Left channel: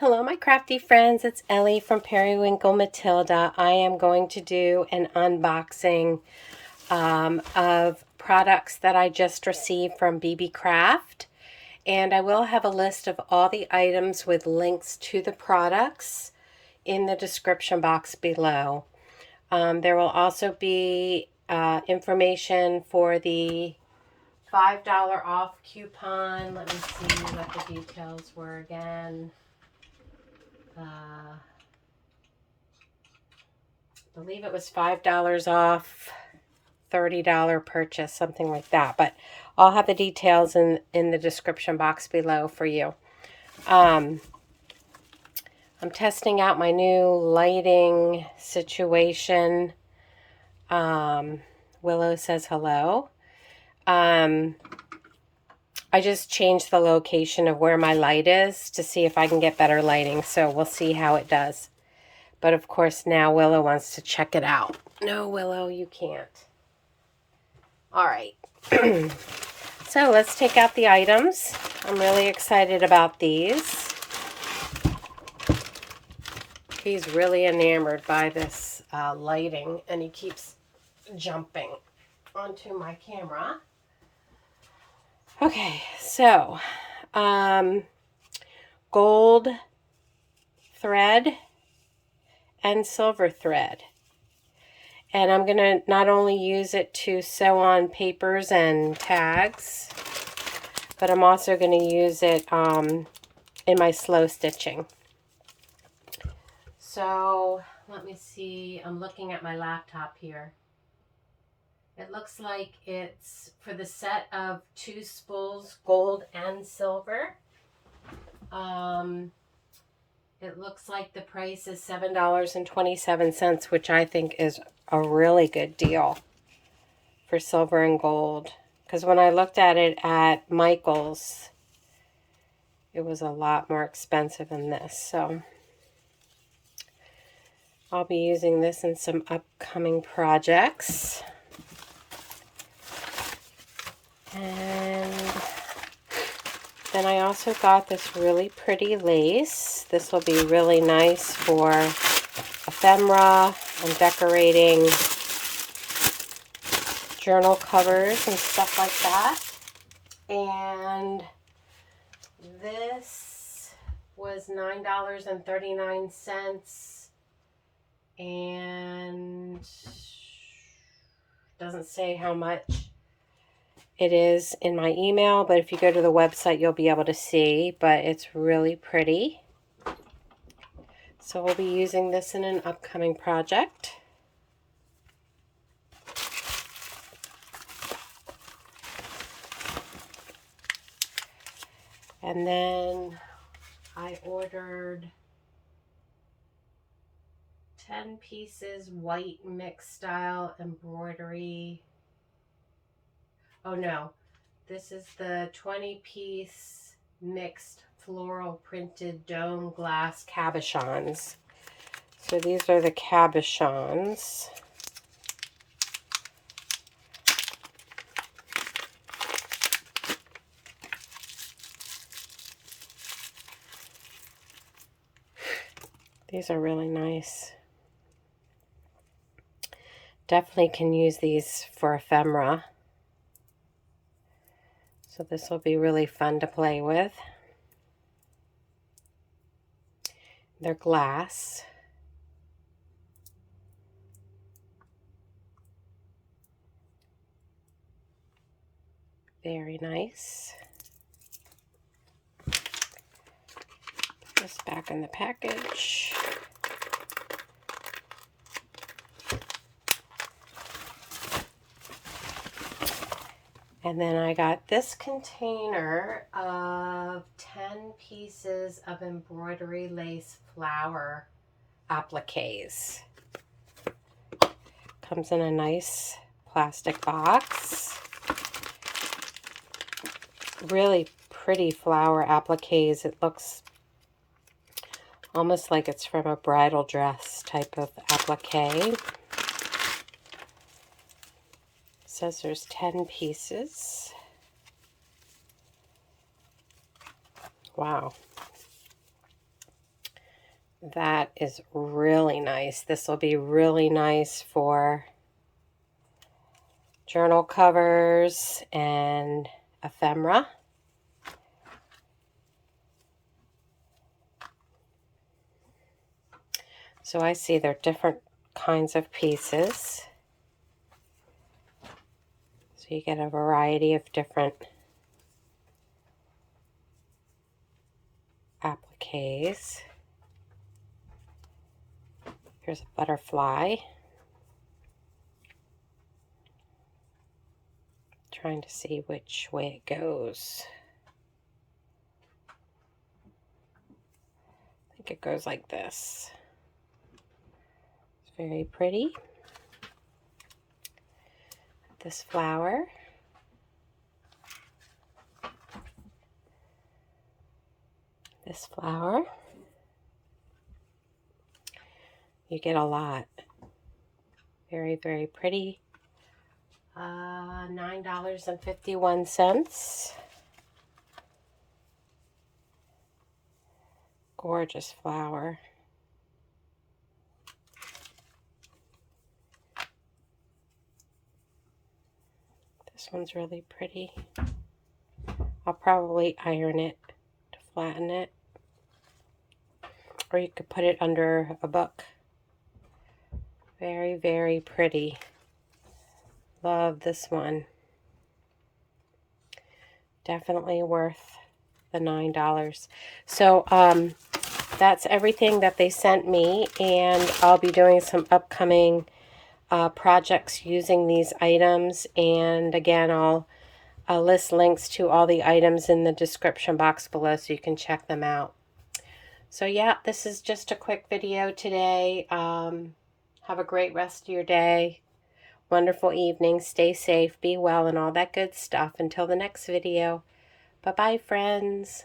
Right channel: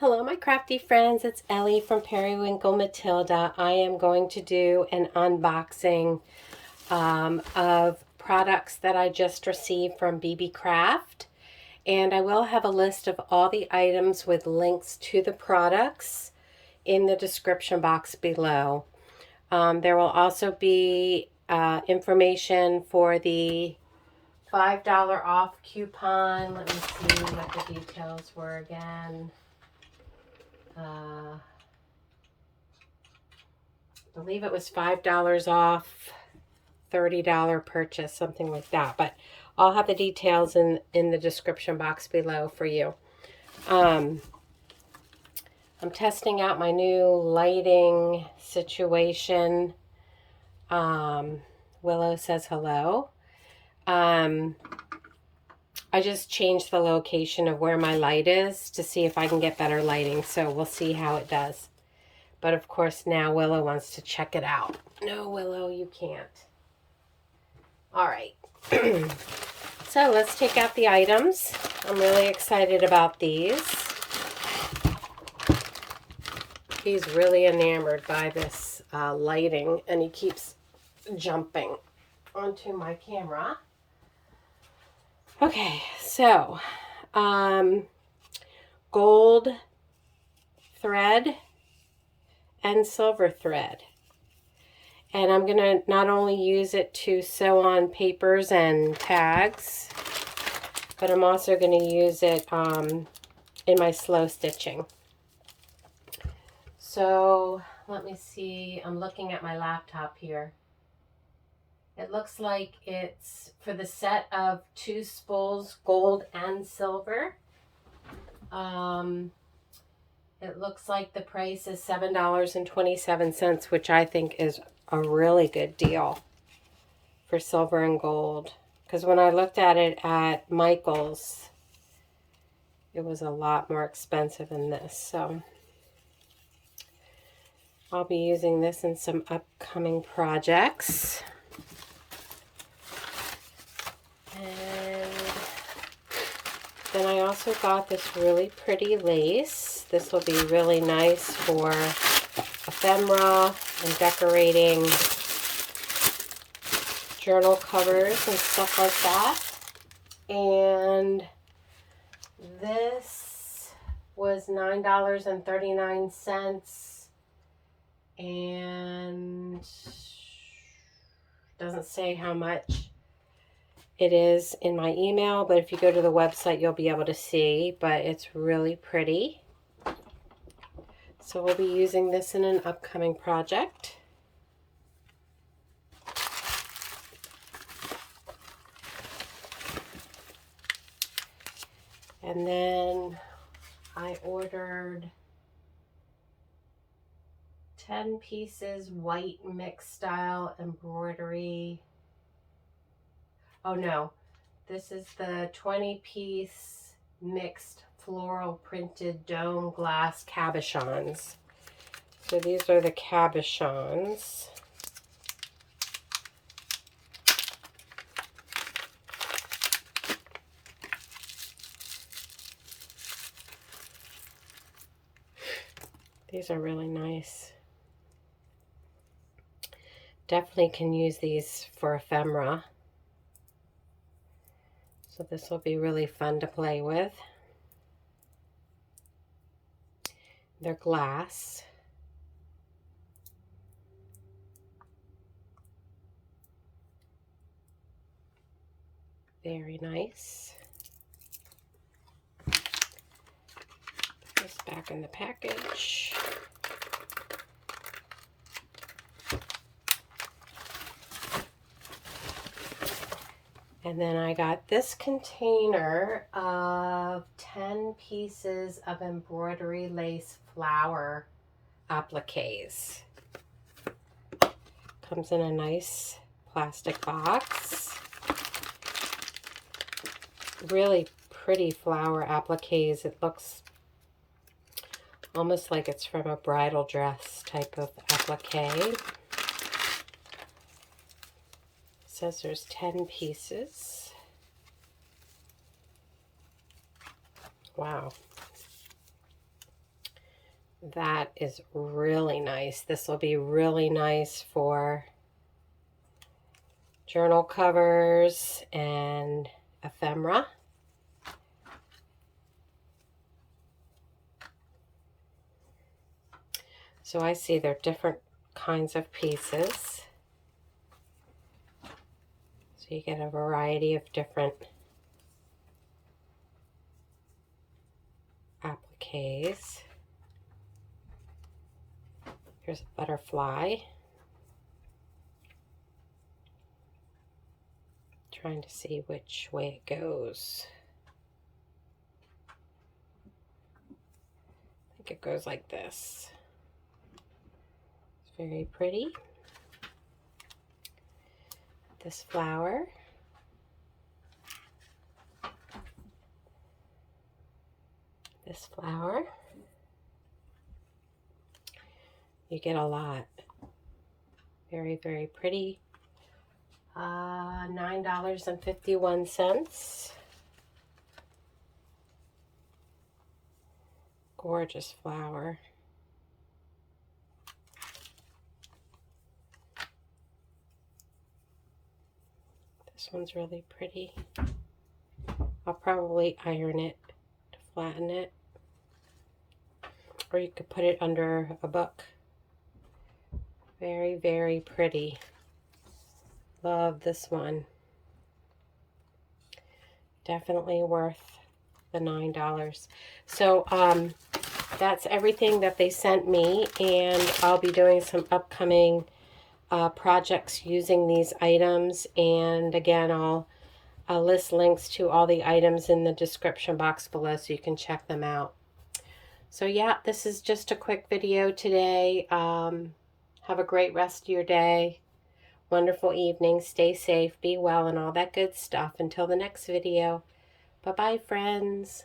Hello, my crafty friends. It's Ellie from Periwinkle Matilda. I am going to do an unboxing of products that I just received from Beebeecraft. And I will have a list of all the items with links to the products in the description box below. There will also be information for the $5 off coupon. Let me see what the details were again. I believe it was $5 off, $30 purchase, something like that. But I'll have the details in the description box below for you. I'm testing out my new lighting situation. Willow says hello. I just changed the location of where my light is to see if I can get better lighting. So we'll see how it does. But of course now Willow wants to check it out. No, Willow, you can't. All right. So let's take out the items. I'm really excited about these. He's really enamored by this lighting, and he keeps jumping onto my camera. Okay, so gold thread and silver thread. And I'm going to not only use it to sew on papers and tags, but I'm also going to use it in my slow stitching. So let me see. I'm looking at my laptop here. It looks like it's for the set of 2 spools, gold and silver. It looks like the price is $7.27, which I think is a really good deal for silver and gold. Because when I looked at it at Michael's, it was a lot more expensive than this. So I'll be using this in some upcoming projects. And then I also got this really pretty lace. This will be really nice for ephemera and decorating journal covers and stuff like that. And this was $9.39, and doesn't say how much it is in my email, but if you go to the website, you'll be able to see, but it's really pretty. So we'll be using this in an upcoming project. And then I ordered 10 pieces white mixed style embroidery. Oh no, this is the 20-piece mixed floral printed dome glass cabochons. So these are the cabochons. These are really nice. Definitely can use these for ephemera. So this will be really fun to play with. They're glass. Very nice. Put this back in the package. And then I got this container of 10 pieces of embroidery lace flower appliques. Comes in a nice plastic box. Really pretty flower appliques. It looks almost like it's from a bridal dress type of applique. Says there's 10 pieces. Wow. That is really nice. This will be really nice for journal covers and ephemera. So I see they're different kinds of pieces. So you get a variety of different appliques. Here's a butterfly. Trying to see which way it goes. I think it goes like this. It's very pretty. This flower. This flower. You get a lot. Very, very pretty. $9.51. Gorgeous flower. This one's really pretty. I'll probably iron it to flatten it. Or you could put it under a book. Very, very pretty. Love this one. Definitely worth the $9. So that's everything that they sent me, and I'll be doing some upcoming projects using these items. And again, I'll list links to all the items in the description box below so you can check them out. So yeah, this is just a quick video today. Have a great rest of your day. Wonderful evening. Stay safe, be well, and all that good stuff. Until the next video. Bye-bye, friends.